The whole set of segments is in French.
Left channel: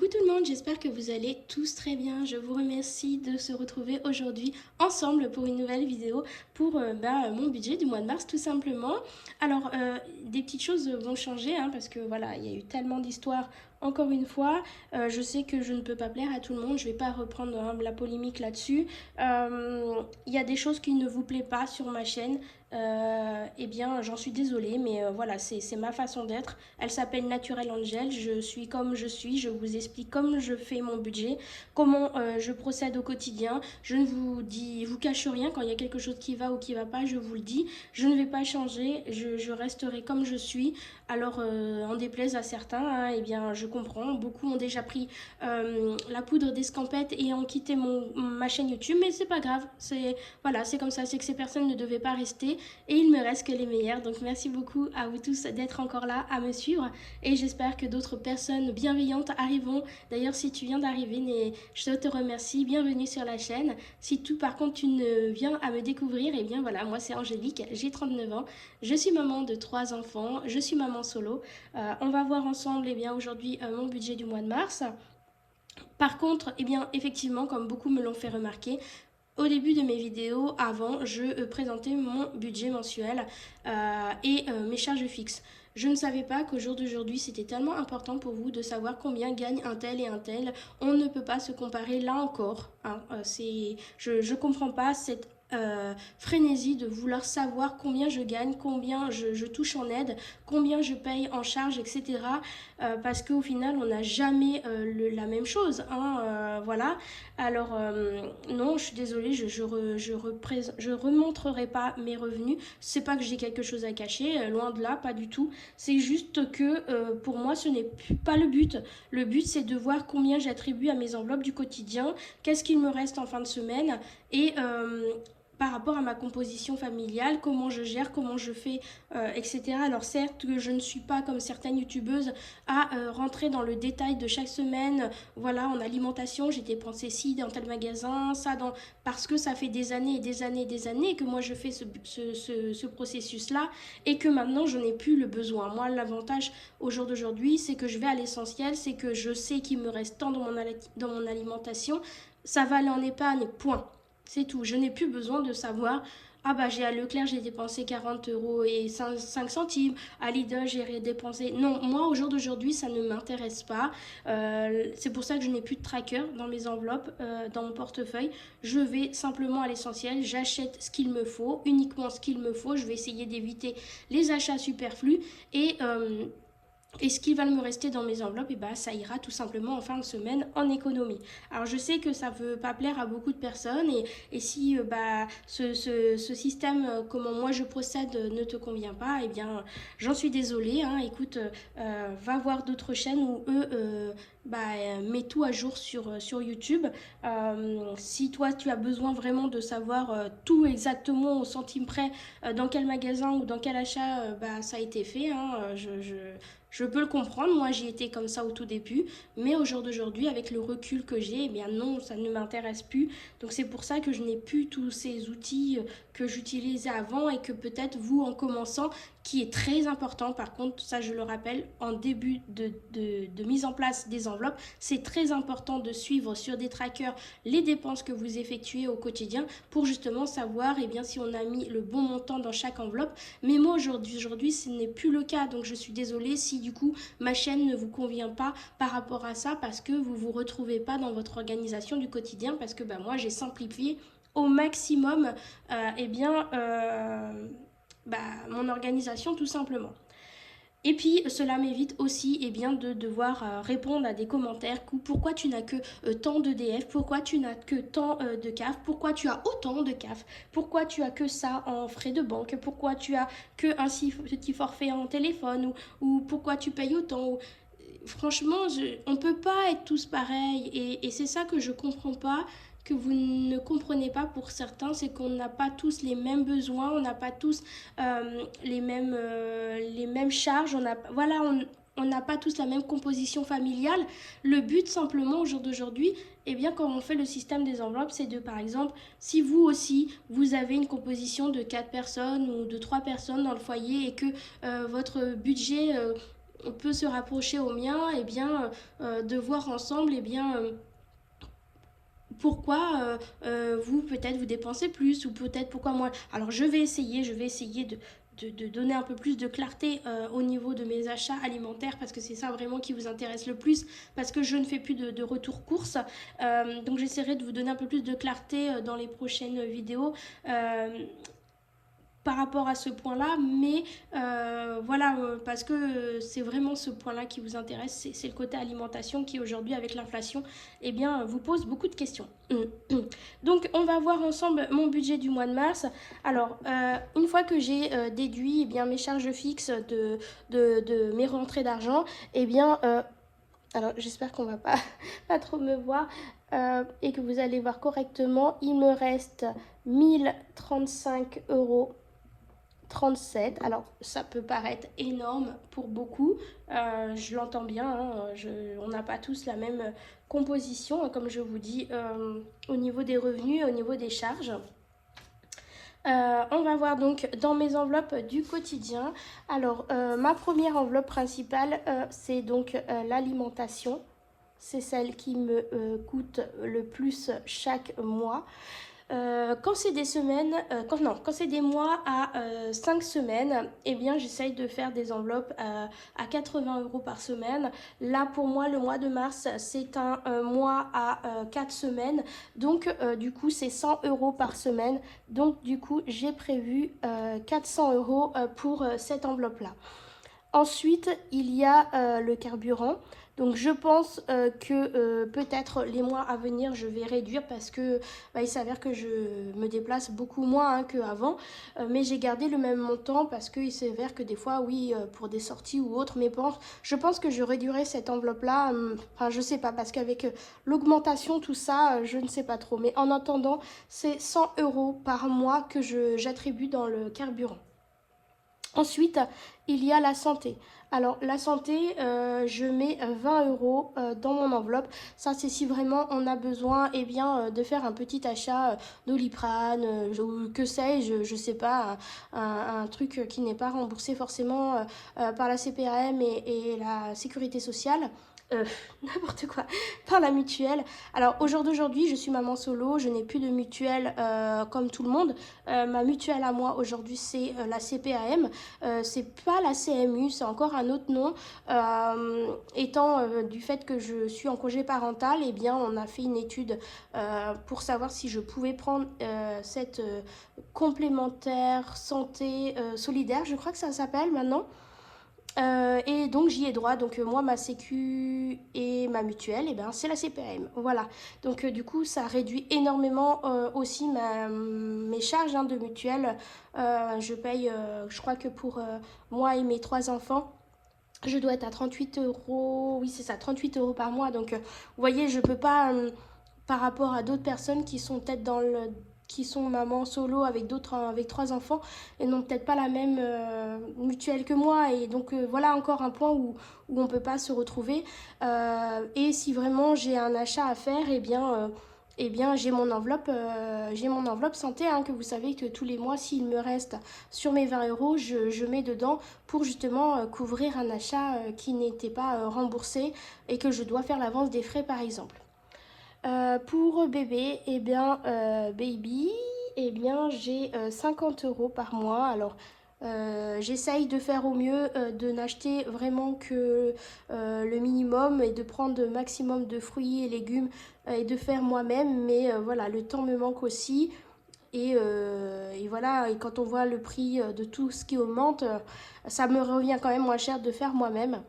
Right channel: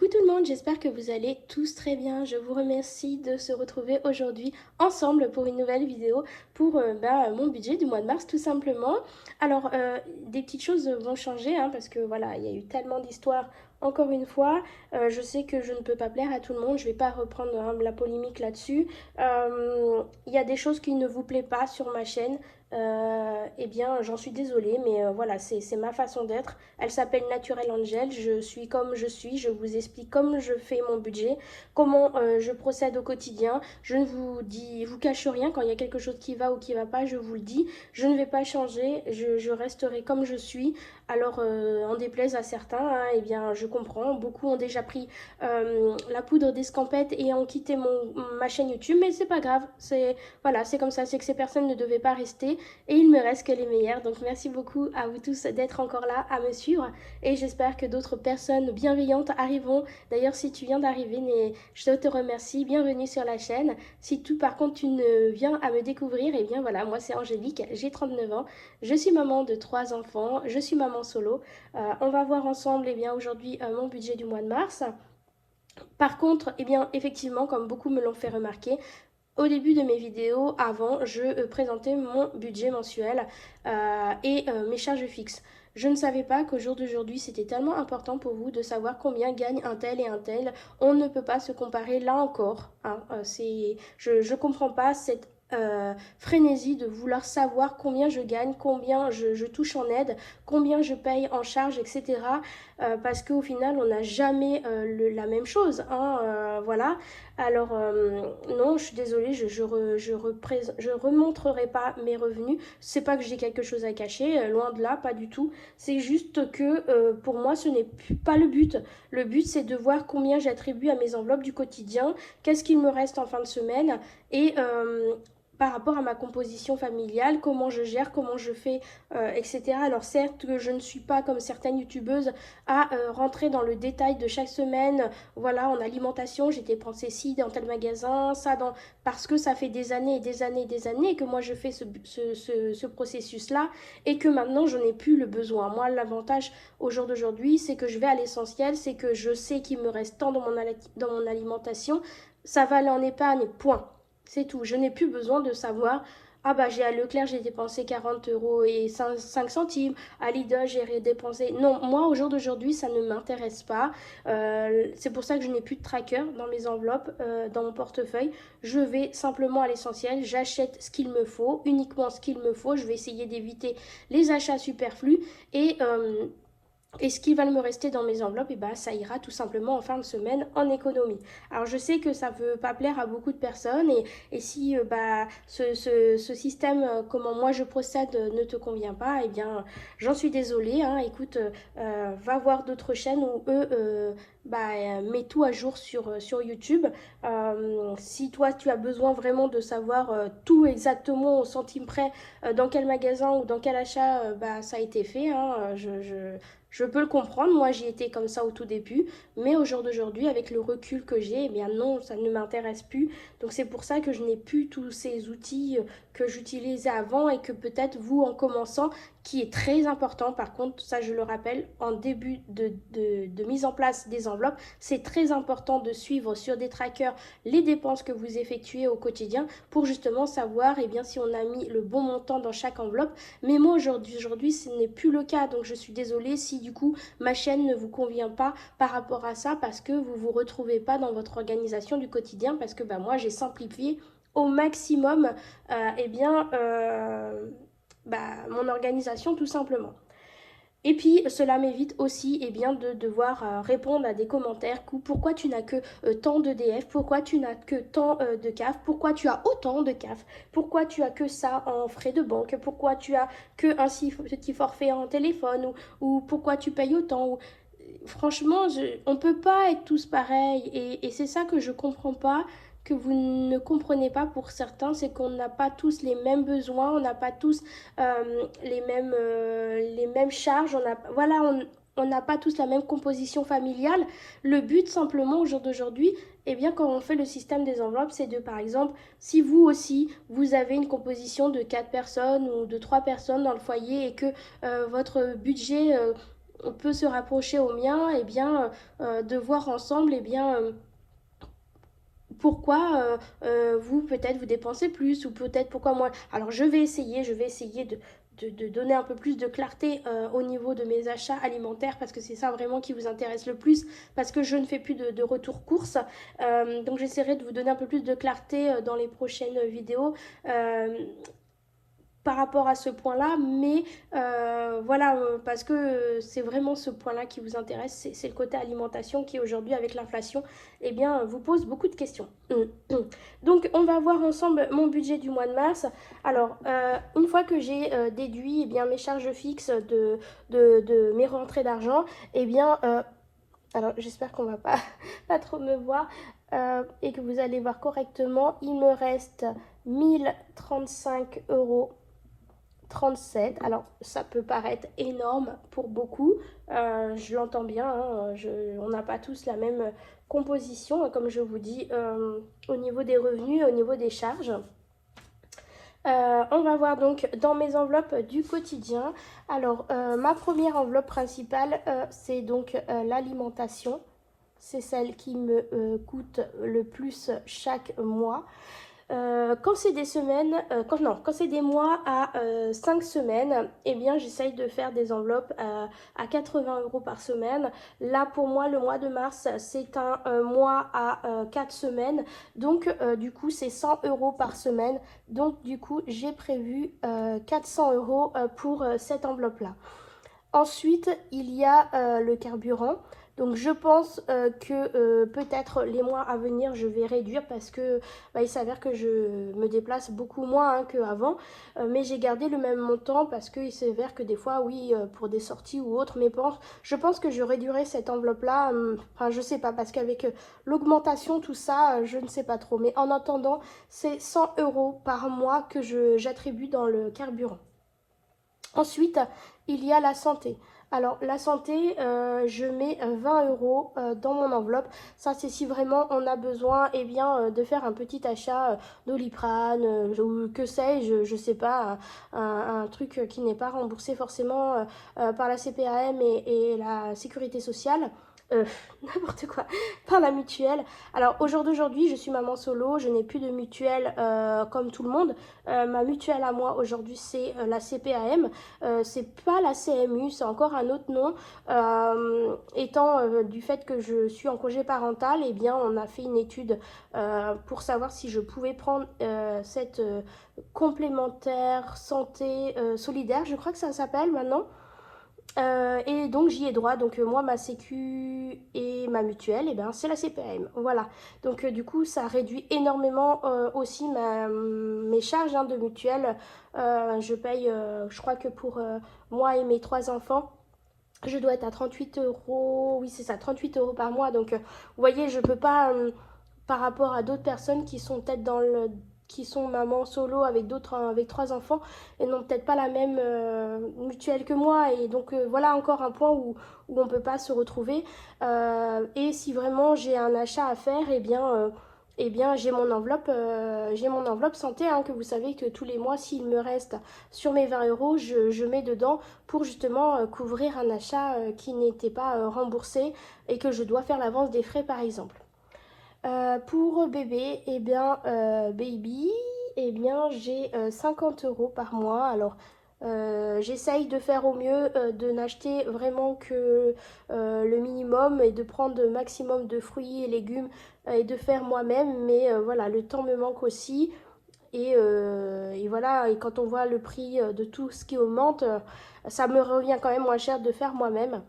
Coucou tout le monde, j'espère que vous allez tous très bien. Je vous remercie de se retrouver aujourd'hui ensemble pour une nouvelle vidéo pour mon budget du mois de mars tout simplement. Alors, des petites choses vont changer parce que voilà, il y a eu tellement d'histoires. Encore une fois, je sais que je ne peux pas plaire à tout le monde, je ne vais pas reprendre la polémique là-dessus. Il y a des choses qui ne vous plaisent pas sur ma chaîne. Eh bien, j'en suis désolée, mais voilà, c'est ma façon d'être. Elle s'appelle Naturel Angel. Je suis comme je suis. Je vous explique comme je fais mon budget, comment je procède au quotidien. Je ne vous cache rien. Quand il y a quelque chose qui va ou qui va pas, je vous le dis. Je ne vais pas changer. Je resterai comme je suis. Alors, en déplaise à certains, eh bien, je comprends. Beaucoup ont déjà pris la poudre d'escampette et ont quitté ma chaîne YouTube, mais c'est pas grave. Voilà, c'est comme ça. C'est que ces personnes ne devaient pas rester et il me reste que les meilleurs. Donc, merci beaucoup à vous tous d'être encore là à me suivre et j'espère que d'autres personnes bienveillantes arriveront. D'ailleurs, si tu viens d'arriver, je te remercie. Bienvenue sur la chaîne. Si tout, par contre, tu ne viens à me découvrir, eh bien voilà, moi c'est Angélique, j'ai 39 ans. Je suis maman de 3 enfants, je suis maman solo. On va voir ensemble eh bien, aujourd'hui mon budget du mois de mars. Par contre, eh bien, effectivement, comme beaucoup me l'ont fait remarquer, au début de mes vidéos, avant, je présentais mon budget mensuel et mes charges fixes. Je ne savais pas qu'au jour d'aujourd'hui, c'était tellement important pour vous de savoir combien gagne un tel et un tel. On ne peut pas se comparer là encore. Je ne comprends pas cette frénésie de vouloir savoir combien je gagne, combien je touche en aide, combien je paye en charge, etc. Parce qu'au final, on n'a jamais la même chose. Voilà. Alors, non, je suis désolée, je remontrerai pas mes revenus. C'est pas que j'ai quelque chose à cacher, loin de là, pas du tout. C'est juste que pour moi, ce n'est pas le but. Le but, c'est de voir combien j'attribue à mes enveloppes du quotidien, qu'est-ce qu'il me reste en fin de semaine et par rapport à ma composition familiale, comment je gère, comment je fais, etc. Alors certes, je ne suis pas comme certaines youtubeuses à rentrer dans le détail de chaque semaine. Voilà, en alimentation, j'ai dépensé ci dans tel magasin, ça dans... Parce que ça fait des années et des années et des années que moi je fais ce processus-là et que maintenant je n'ai plus le besoin. Moi, l'avantage au jour d'aujourd'hui, c'est que je vais à l'essentiel, c'est que je sais qu'il me reste tant dans mon alimentation, ça va aller en épargne, point. C'est tout. Je n'ai plus besoin de savoir ah bah j'ai à Leclerc j'ai dépensé 40 euros et 5 centimes, à Lidl j'ai dépensé... Non, moi au jour d'aujourd'hui ça ne m'intéresse pas. C'est pour ça que je n'ai plus de tracker dans mes enveloppes, dans mon portefeuille. Je vais simplement à l'essentiel, j'achète ce qu'il me faut, uniquement ce qu'il me faut. Je vais essayer d'éviter les achats superflus et ce qui va me rester dans mes enveloppes, et bah, ça ira tout simplement en fin de semaine en économie. Alors je sais que ça ne peut pas plaire à beaucoup de personnes et si ce système, comment moi je procède, ne te convient pas, eh bien j'en suis désolée. Écoute, va voir d'autres chaînes où eux mettent tout à jour sur YouTube. Si toi tu as besoin vraiment de savoir tout exactement au centime près, dans quel magasin ou dans quel achat ça a été fait, je peux le comprendre, moi j'y étais comme ça au tout début, mais au jour d'aujourd'hui, avec le recul que j'ai, eh bien non, ça ne m'intéresse plus. Donc c'est pour ça que je n'ai plus tous ces outils que j'utilisais avant et que peut-être vous en commençant, qui est très important par contre, ça je le rappelle, en début de mise en place des enveloppes, c'est très important de suivre sur des trackers les dépenses que vous effectuez au quotidien pour justement savoir eh bien, si on a mis le bon montant dans chaque enveloppe. Mais moi aujourd'hui ce n'est plus le cas, donc je suis désolée si du coup ma chaîne ne vous convient pas par rapport à ça parce que vous ne vous retrouvez pas dans votre organisation du quotidien parce que moi j'ai simplifié au maximum mon organisation tout simplement. Et puis cela m'évite aussi de devoir répondre à des commentaires pourquoi tu n'as que tant d'EDF, pourquoi tu n'as que tant de CAF, pourquoi tu as autant de CAF, pourquoi tu as que ça en frais de banque, pourquoi tu as que un si petit forfait en téléphone ou pourquoi tu payes autant. Franchement, on ne peut pas être tous pareils et c'est ça que je ne comprends pas, que vous ne comprenez pas pour certains, c'est qu'on n'a pas tous les mêmes besoins, on n'a pas tous les mêmes charges, on n'a pas tous la même composition familiale. Le but simplement au jour d'aujourd'hui, eh bien quand on fait le système des enveloppes, c'est de par exemple, si vous aussi, vous avez une composition de 4 personnes ou de 3 personnes dans le foyer et que votre budget on peut se rapprocher au mien, et bien de voir ensemble, et bien pourquoi vous peut-être vous dépensez plus, ou peut-être pourquoi moi. Alors je vais essayer de donner un peu plus de clarté au niveau de mes achats alimentaires, parce que c'est ça vraiment qui vous intéresse le plus, parce que je ne fais plus de retour course. Donc j'essaierai de vous donner un peu plus de clarté dans les prochaines vidéos. Par rapport à ce point-là, mais voilà, parce que c'est vraiment ce point-là qui vous intéresse, c'est le côté alimentation qui aujourd'hui avec l'inflation, eh bien, vous pose beaucoup de questions. Donc, on va voir ensemble mon budget du mois de mars. Alors, une fois que j'ai déduit eh bien, mes charges fixes de mes rentrées d'argent, eh bien, alors j'espère qu'on va pas, pas trop me voir et que vous allez voir correctement, il me reste 1035 € 37. Alors ça peut paraître énorme pour beaucoup, je l'entends bien, hein, on n'a pas tous la même composition, comme je vous dis, au niveau des revenus, au niveau des charges. On va voir donc dans mes enveloppes du quotidien. Alors ma première enveloppe principale, c'est donc l'alimentation. C'est celle qui me coûte le plus chaque mois. Quand c'est des semaines, quand c'est des mois à 5 semaines, eh bien j'essaye de faire des enveloppes à 80 € par semaine. Là pour moi le mois de mars c'est un mois à 4 semaines, donc du coup c'est 100 € par semaine, donc du coup j'ai prévu 400 € pour cette enveloppe là. Ensuite, il y a le carburant. Donc je pense que peut-être les mois à venir, je vais réduire parce que il s'avère que je me déplace beaucoup moins qu'avant. Mais j'ai gardé le même montant parce qu'il s'avère que des fois, oui, pour des sorties ou autres, mais je pense que je réduirai cette enveloppe-là. Enfin, je sais pas, parce qu'avec l'augmentation, tout ça, je ne sais pas trop. Mais en attendant, c'est 100 € par mois que j'attribue dans le carburant. Ensuite, il y a la santé. Alors la santé, je mets 20 € dans mon enveloppe. Ça c'est si vraiment on a besoin eh bien, de faire un petit achat d'Oliprane, ou que sais-je, je sais pas, un truc qui n'est pas remboursé forcément par la CPAM et la sécurité sociale. Euh, N'importe quoi, par la mutuelle. Alors au jour d'aujourd'hui, je suis maman solo, je n'ai plus de mutuelle comme tout le monde. Ma mutuelle à moi aujourd'hui, c'est la CPAM. C'est pas la CMU, c'est encore un autre nom. Étant du fait que je suis en congé parental, eh bien on a fait une étude pour savoir si je pouvais prendre cette complémentaire santé solidaire, je crois que ça s'appelle maintenant. Et donc j'y ai droit, donc moi ma sécu et ma mutuelle, et ben c'est la CPM, voilà. Donc du coup ça réduit énormément aussi mes charges de mutuelle. Je paye, je crois que pour moi et mes 3 enfants, je dois être à 38 €, oui c'est ça, 38 € par mois. Donc vous voyez, je peux pas, par rapport à d'autres personnes qui sont peut-être qui sont maman solo avec d'autres avec 3 enfants et n'ont peut-être pas la même mutuelle que moi, et donc voilà encore un point où on peut pas se retrouver. Et si vraiment j'ai un achat à faire, eh bien j'ai mon enveloppe santé, que vous savez que tous les mois s'il me reste sur mes 20 €, je mets dedans pour justement couvrir un achat qui n'était pas remboursé et que je dois faire l'avance des frais par exemple. Pour bébé, eh bien, baby, eh bien, j'ai 50 € par mois. Alors, j'essaye de faire au mieux, de n'acheter vraiment que le minimum et de prendre le maximum de fruits et légumes et de faire moi-même. Mais voilà, le temps me manque aussi. Et voilà, et quand on voit le prix de tout ce qui augmente, ça me revient quand même moins cher de faire moi-même.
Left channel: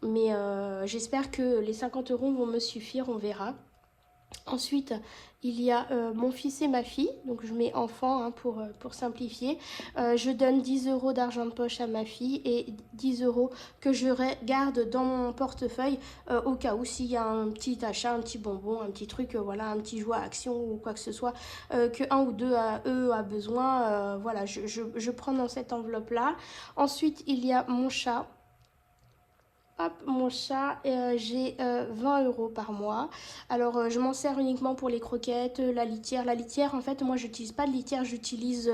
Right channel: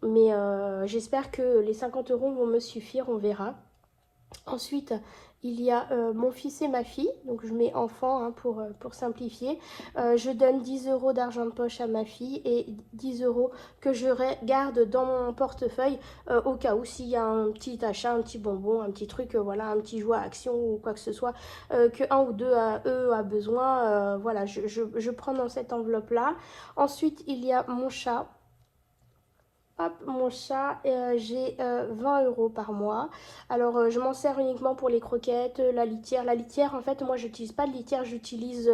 Mais j'espère que les 50 € vont me suffire, on verra. Ensuite, il y a mon fils et ma fille, donc je mets enfant pour simplifier. Je donne 10 € d'argent de poche à ma fille et 10 € que je garde dans mon portefeuille au cas où s'il y a un petit achat, un petit bonbon, un petit truc, voilà, un petit jouet à action ou quoi que ce soit, que un ou deux eux a besoin. Voilà, je prends dans cette enveloppe-là. Ensuite, il y a mon chat. Hop, mon chat, j'ai 20 euros par mois. Alors, je m'en sers uniquement pour les croquettes, la litière. La litière, en fait, moi, j'utilise pas de litière, j'utilise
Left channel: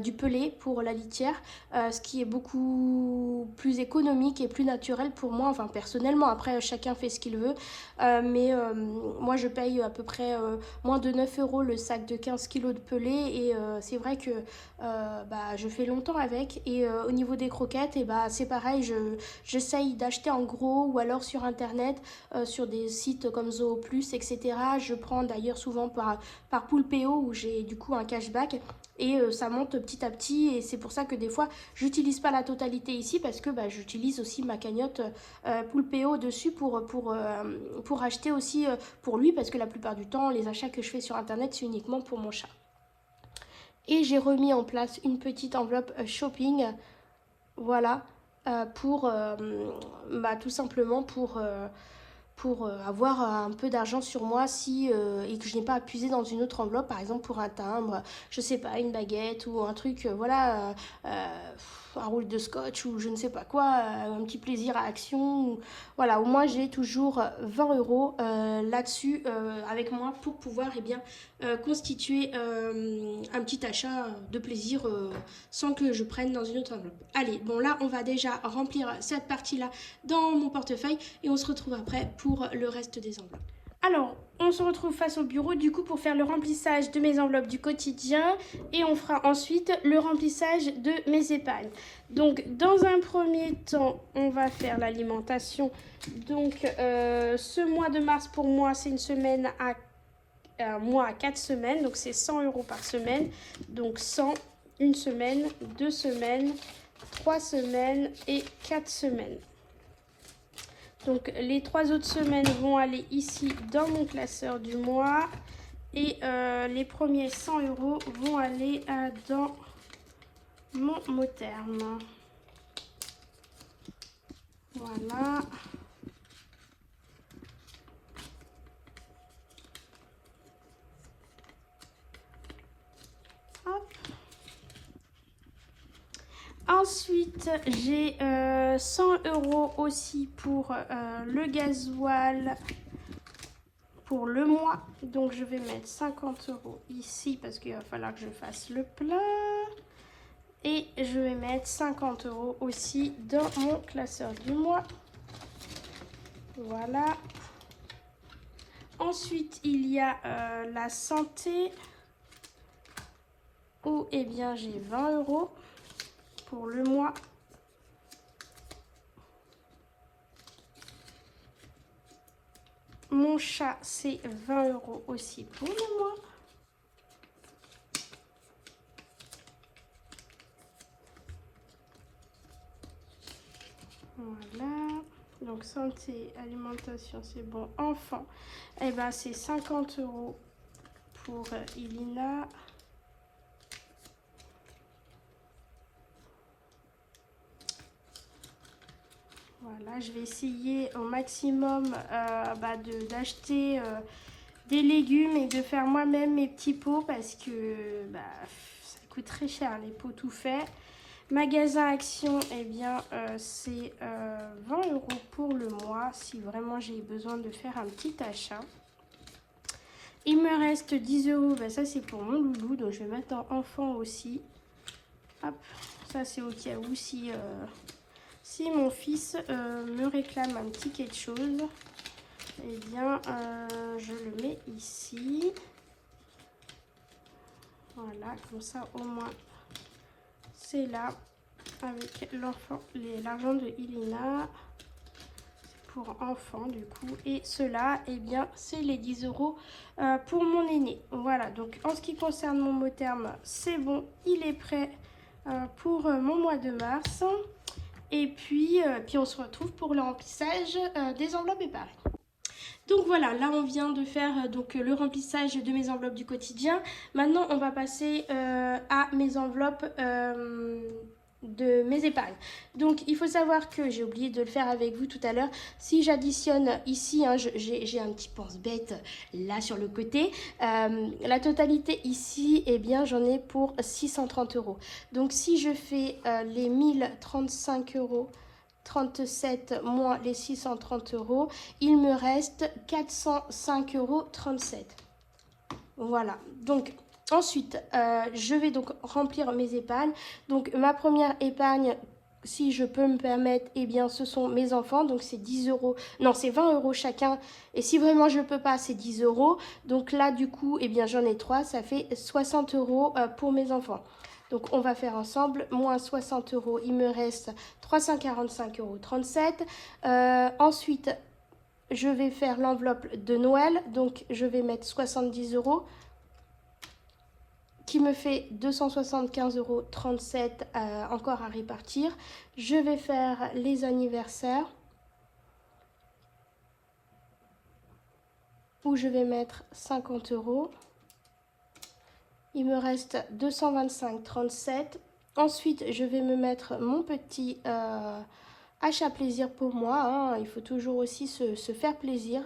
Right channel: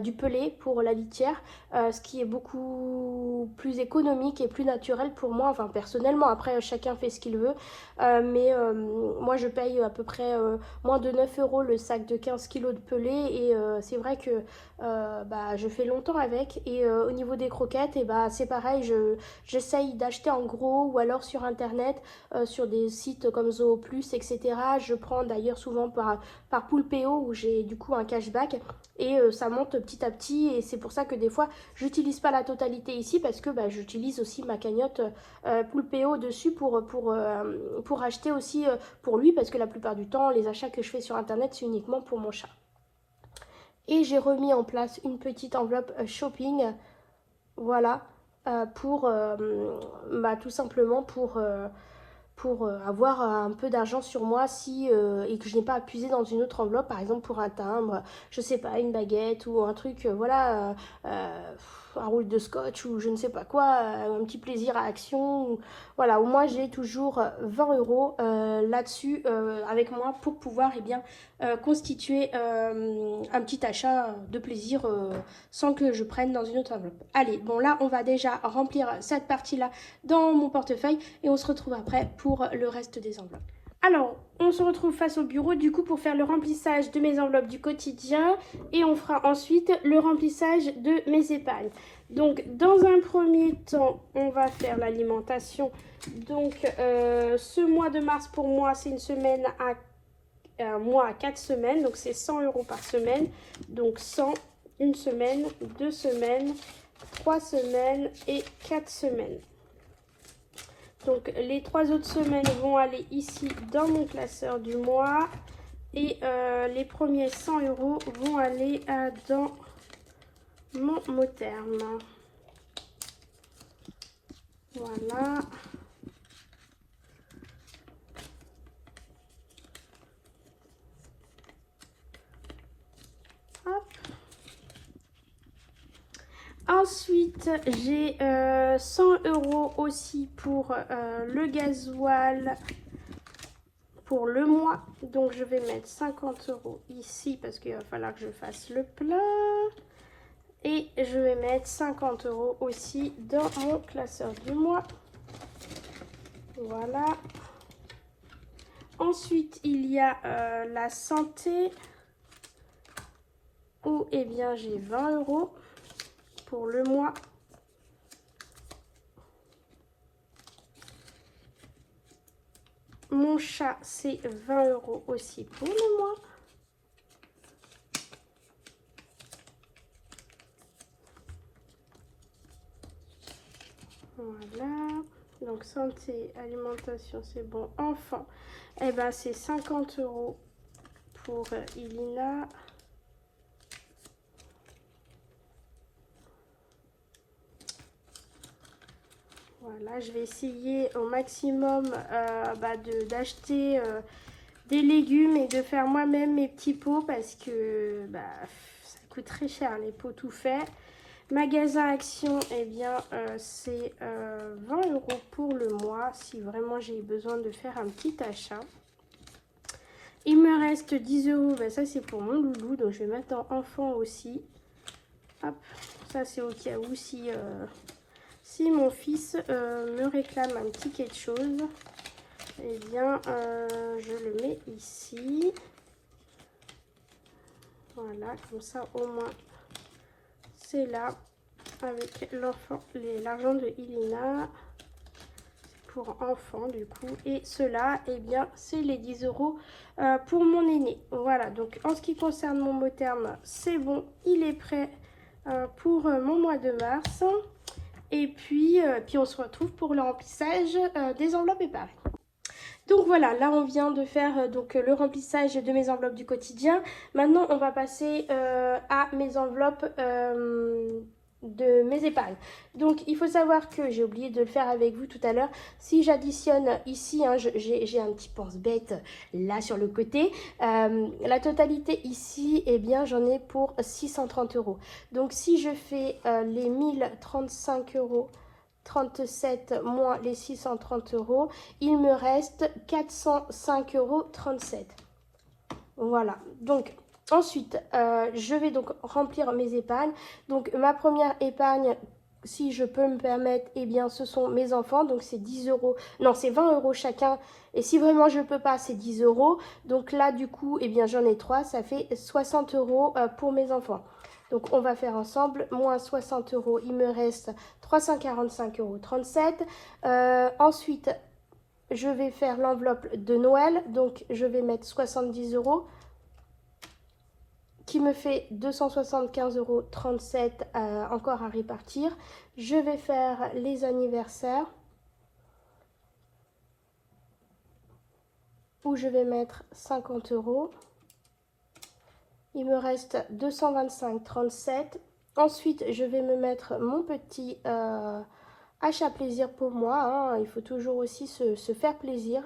du pelé pour la litière, ce qui est beaucoup plus économique et plus naturel pour moi, enfin, personnellement. Après, chacun fait ce qu'il veut. Mais moi, je paye à peu près moins de 9 euros le sac de 15 kilos de pelé. Et c'est vrai que bah, je fais longtemps avec. Et au niveau des croquettes, et bah, c'est pareil, j'essaye d'acheter en gros ou alors sur internet, sur des sites comme Zooplus, etc. Je prends d'ailleurs souvent par Poulpeo où j'ai du coup un cashback et ça monte petit à petit et c'est pour ça que des fois j'utilise pas la totalité ici parce que bah, j'utilise aussi ma cagnotte Poulpeo dessus pour acheter aussi pour lui parce que la plupart du temps les achats que je fais sur internet c'est uniquement pour mon chat. Et j'ai remis en place une petite enveloppe shopping, voilà, pour bah, tout simplement pour avoir un peu d'argent sur moi si et que je n'ai pas à puiser dans une autre enveloppe, par exemple pour un timbre, je sais pas, une baguette ou un truc, voilà, un roule de scotch ou je ne sais pas quoi, un petit plaisir à action. Voilà, au moins j'ai toujours 20 euros là-dessus avec moi pour pouvoir bien, constituer un petit achat de plaisir sans que je prenne dans une autre enveloppe. Allez, bon là on va déjà remplir cette partie-là dans mon portefeuille et on se retrouve après pour le reste des enveloppes. Alors, on se retrouve face au bureau du coup pour faire le remplissage de mes enveloppes du quotidien et on fera ensuite le remplissage de mes épargnes. Donc, dans un premier temps, on va faire l'alimentation. Donc, ce mois de mars pour moi, c'est une semaine à un mois à 4 semaines, donc c'est 100 euros par semaine. Donc 100, une semaine, 2 semaines, 3 semaines et 4 semaines. Donc les 3 autres semaines vont aller ici dans mon classeur du mois. Et les premiers 100 euros vont aller dans mon mot terme. Voilà. Hop. Ensuite, j'ai 100 euros aussi pour le gasoil pour le mois. Donc, je vais mettre 50 euros ici parce qu'il va falloir que je fasse le plein. Et je vais mettre 50 euros aussi dans mon classeur du mois. Voilà. Ensuite, il y a la santé où eh bien j'ai 20 euros pour le mois. Mon chat, c'est 20 euros aussi pour le mois. Voilà. Donc santé, alimentation, c'est bon. Enfant, eh ben c'est 50 euros pour Ilina. Voilà, je vais essayer au maximum d'acheter des légumes et de faire moi-même mes petits pots parce que ça coûte très cher les pots tout faits. Magasin Action, eh bien c'est 20 euros pour le mois si vraiment j'ai besoin de faire un petit achat. Il me reste 10 euros, ça c'est pour mon loulou, donc je vais mettre en enfant aussi. Hop, ça c'est au cas où si mon fils me réclame un petit quelque chose, eh bien je le mets ici. Voilà, comme ça au moins c'est là avec l'argent de Ilina pour enfant du coup. Et cela, eh bien c'est les 10 euros pour mon aîné. Voilà, donc en ce qui concerne mon mot terme, c'est bon, il est prêt pour mon mois de mars. Et puis on se retrouve pour le remplissage des enveloppes épargnes. Donc voilà, là on vient de faire le remplissage de mes enveloppes du quotidien. Maintenant on va passer à mes enveloppes de mes épargnes. Donc il faut savoir que j'ai oublié de le faire avec vous tout à l'heure. Si j'additionne ici, hein, j'ai un petit pense-bête là sur le côté. La totalité ici, eh bien j'en ai pour 630 euros. Donc si je fais les 1035 euros 37 moins les 630 euros, il me reste 405,37 €. Voilà, donc ensuite, je vais donc remplir mes épargnes. Donc ma première épargne, si je peux me permettre, eh bien ce sont mes enfants, donc c'est 10 euros, non c'est 20 euros chacun, et si vraiment je peux pas, c'est 10 euros. Donc là du coup, eh bien j'en ai 3, ça fait 60 euros pour mes enfants. Donc on va faire ensemble, moins 60 euros, il me reste 345,37 €. Ensuite, je vais faire l'enveloppe de Noël, donc je vais mettre 70 euros, qui me fait 275,37 € encore à répartir. Je vais faire les anniversaires, où je vais mettre 50 euros. Il me reste 225,37 €. Ensuite, je vais me mettre mon petit achat plaisir pour moi, hein. Il faut toujours aussi se faire plaisir.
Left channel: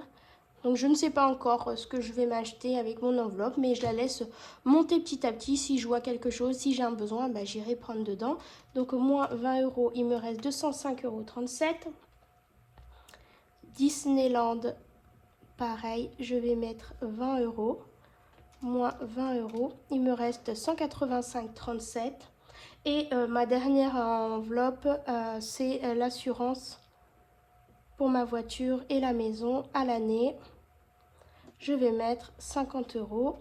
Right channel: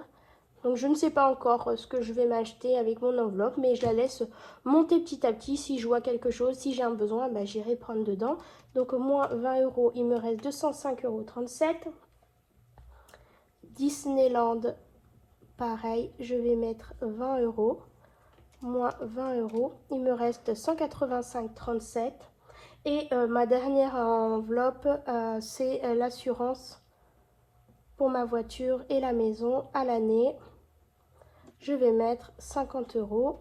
Donc je ne sais pas encore ce que je vais m'acheter avec mon enveloppe, mais je la laisse monter petit à petit. Si je vois quelque chose, si j'ai un besoin, bah, j'irai prendre dedans. Donc au moins 20 euros, il me reste 205,37 €. Disneyland, pareil, je vais mettre 20 euros. Moins 20 euros, il me reste 185,37 €. Et ma dernière enveloppe, c'est l'assurance pour ma voiture et la maison à l'année. Je vais mettre 50 euros.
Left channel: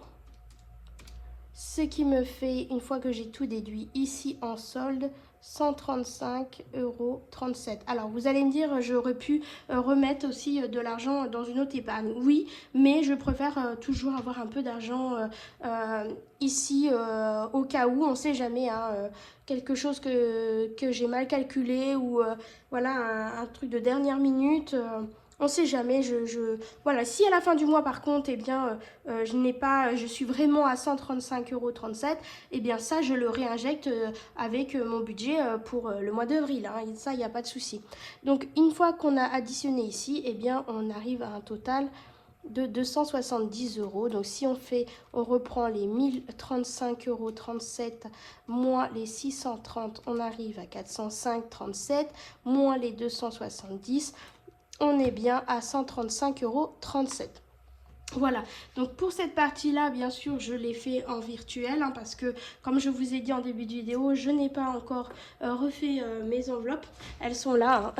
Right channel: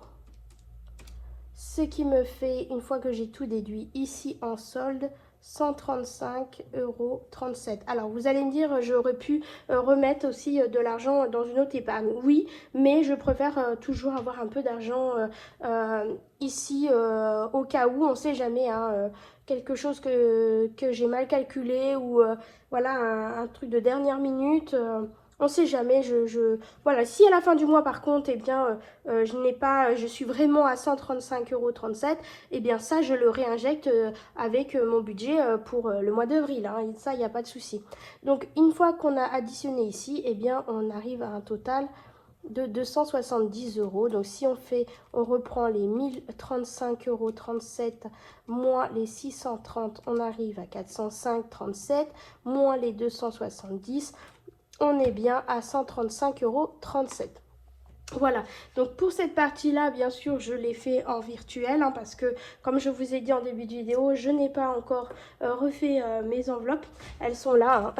Ce qui me fait, une fois que j'ai tout déduit ici en solde, 135,37 €. Alors vous allez me dire, j'aurais pu remettre aussi de l'argent dans une autre épargne. Oui, mais je préfère toujours avoir un peu d'argent ici au cas où, on ne sait jamais, hein, quelque chose que j'ai mal calculé ou voilà, un truc de dernière minute. On ne sait jamais, voilà, si à la fin du mois par contre, eh bien, je suis vraiment à 135,37 €, eh bien ça, je le réinjecte avec mon budget pour le mois d'avril, hein, ça, il n'y a pas de souci. Donc, une fois qu'on a additionné ici, eh bien, on arrive à un total de 270 euros. Donc, si on reprend les 1035,37 € moins les 630, on arrive à 405,37, moins les 270, on est bien à 135,37 €. Voilà, donc pour cette partie-là, bien sûr, je l'ai fait en virtuel, hein, parce que, comme je vous ai dit en début de vidéo, je n'ai pas encore refait mes enveloppes. Elles sont là, hein.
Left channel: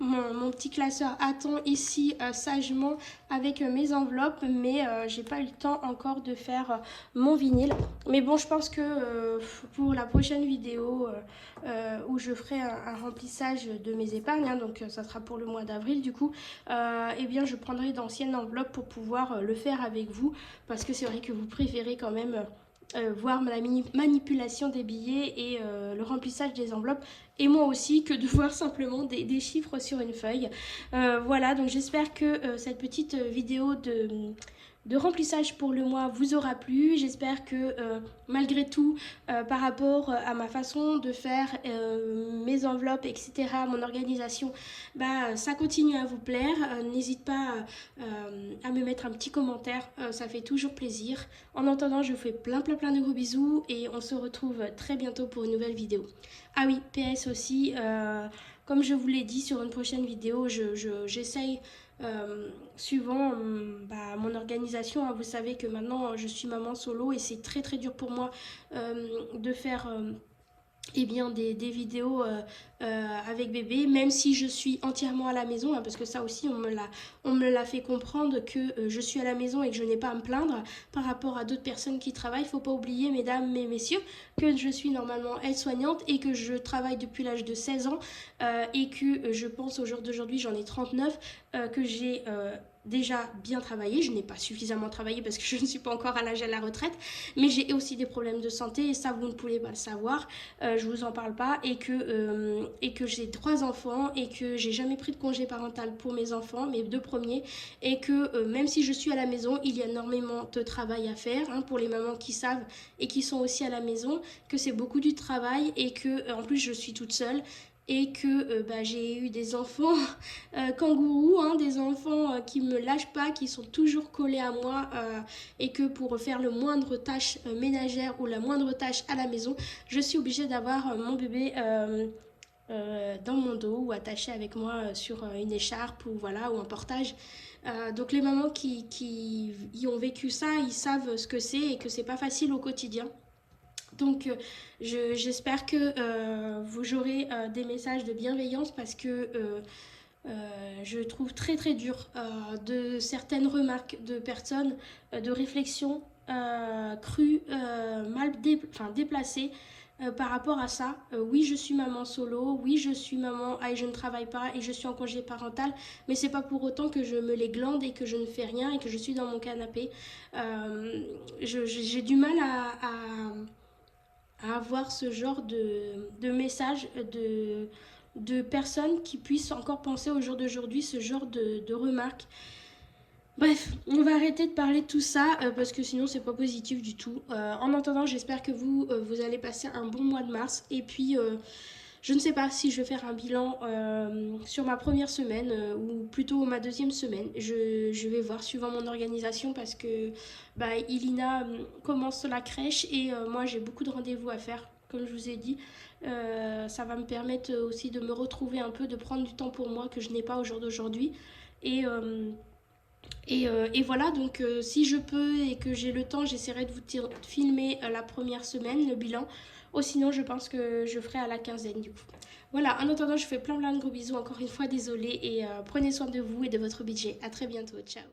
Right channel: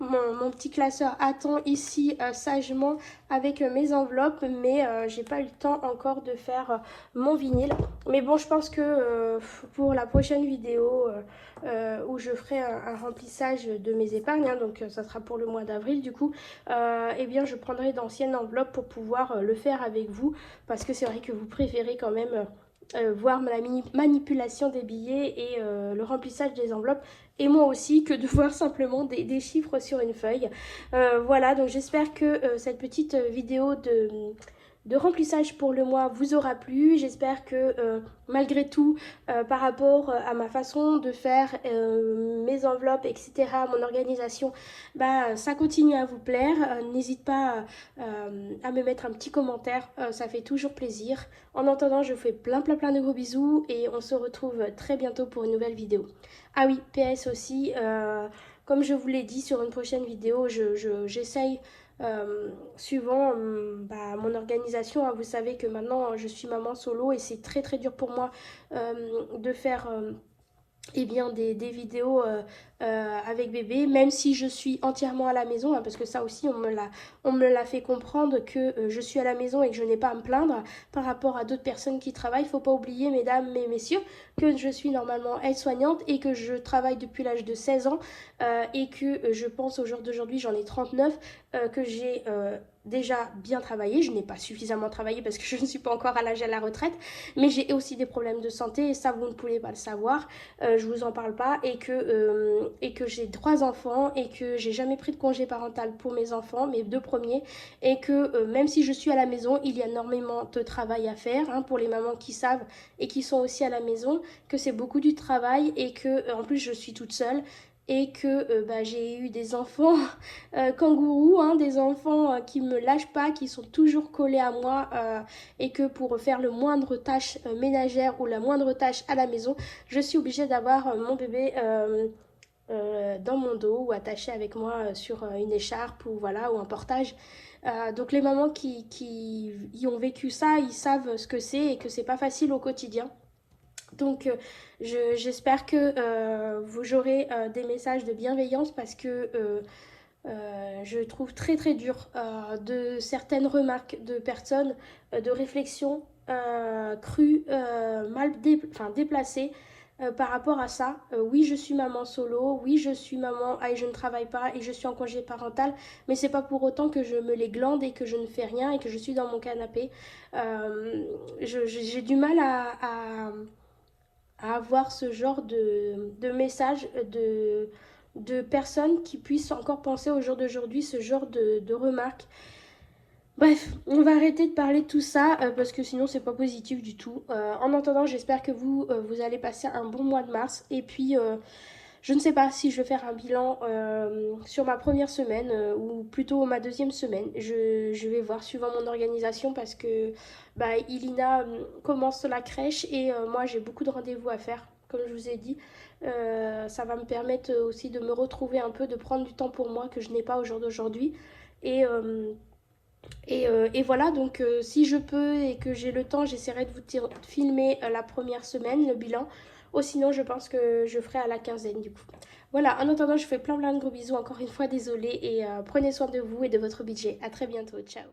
Mon petit classeur attend ici sagement avec mes enveloppes, mais j'ai pas eu le temps encore de faire mon vinyle. Mais bon, je pense que pour la prochaine vidéo où je ferai un remplissage de mes épargnes, hein, donc ça sera pour le mois d'avril du coup, eh bien je prendrai d'anciennes enveloppes pour pouvoir le faire avec vous, parce que c'est vrai que vous préférez quand même voir la manipulation des billets et le remplissage des enveloppes, et moi aussi, que de voir simplement des chiffres sur une feuille. Voilà, donc j'espère que cette petite vidéo de remplissage pour le mois vous aura plu. J'espère que malgré tout, par rapport à ma façon de faire mes enveloppes, etc., mon organisation, bah, ça continue à vous plaire. N'hésite pas à me mettre un petit commentaire, ça fait toujours plaisir. En attendant, je vous fais plein de gros bisous et on se retrouve très bientôt pour une nouvelle vidéo. Ah oui, PS aussi, comme je vous l'ai dit, sur une prochaine vidéo, j'essaye suivant mon organisation, hein. Vous savez que maintenant je suis maman solo et c'est très dur pour moi de faire eh bien, des vidéos avec bébé, même si je suis entièrement à la maison, hein, parce que ça aussi on me l'a fait comprendre, que je suis à la maison et que je n'ai pas à me plaindre par rapport à d'autres personnes qui travaillent. Il ne faut pas oublier, mesdames et messieurs, que je suis normalement aide-soignante et que je travaille depuis l'âge de 16 ans et que je pense au jour d'aujourd'hui, j'en ai 39, que j'ai déjà bien travaillé. Je n'ai pas suffisamment travaillé parce que je ne suis pas encore à l'âge à la retraite, mais j'ai aussi des problèmes de santé et ça vous ne pouvez pas le savoir, je vous en parle pas, et que j'ai 3 enfants et que j'ai jamais pris de congé parental pour mes enfants, mes 2 premiers, et que même si je suis à la maison, il y a énormément de travail à faire, hein, pour les mamans qui savent et qui sont aussi à la maison, que c'est beaucoup du travail et que en plus je suis toute seule et que j'ai eu des enfants kangourous, hein, des enfants qui me lâchent pas, qui sont toujours collés à moi, et que pour faire le moindre tâche ménagère ou la moindre tâche à la maison, je suis obligée d'avoir mon bébé dans mon dos ou attachée avec moi sur une écharpe ou voilà ou un portage. Donc les mamans qui y ont vécu ça, ils savent ce que c'est et que c'est pas facile au quotidien. Donc j'espère que vous aurez des messages de bienveillance parce que je trouve très très dur de certaines remarques de personnes, de réflexions crues, enfin, déplacées par rapport à ça. Oui, je suis maman solo, oui, je suis maman et je ne travaille pas et je suis en congé parental, mais c'est pas pour autant que je me les glande et que je ne fais rien et que je suis dans mon canapé. J'ai du mal à avoir ce genre de message de personnes qui puissent encore penser au jour d'aujourd'hui ce genre de remarques. Bref, on va arrêter de parler de tout ça parce que sinon c'est pas positif du tout. En attendant, j'espère que vous allez passer un bon mois de mars. Et puis, je ne sais pas si je vais faire un bilan sur ma première semaine ou plutôt ma deuxième semaine. Je vais voir suivant mon organisation parce que bah, Ilina commence la crèche et moi j'ai beaucoup de rendez-vous à faire, comme je vous ai dit. Ça va me permettre aussi de me retrouver un peu, de prendre du temps pour moi que je n'ai pas au jour d'aujourd'hui. Et, euh, et voilà, donc si je peux et que j'ai le temps, j'essaierai de filmer la première semaine, le bilan. Ou sinon, je pense que je ferai à la quinzaine du coup. Voilà, en attendant, je fais plein plein de gros bisous. Encore une fois, désolée. Et prenez soin de vous et de votre budget. À très bientôt. Ciao.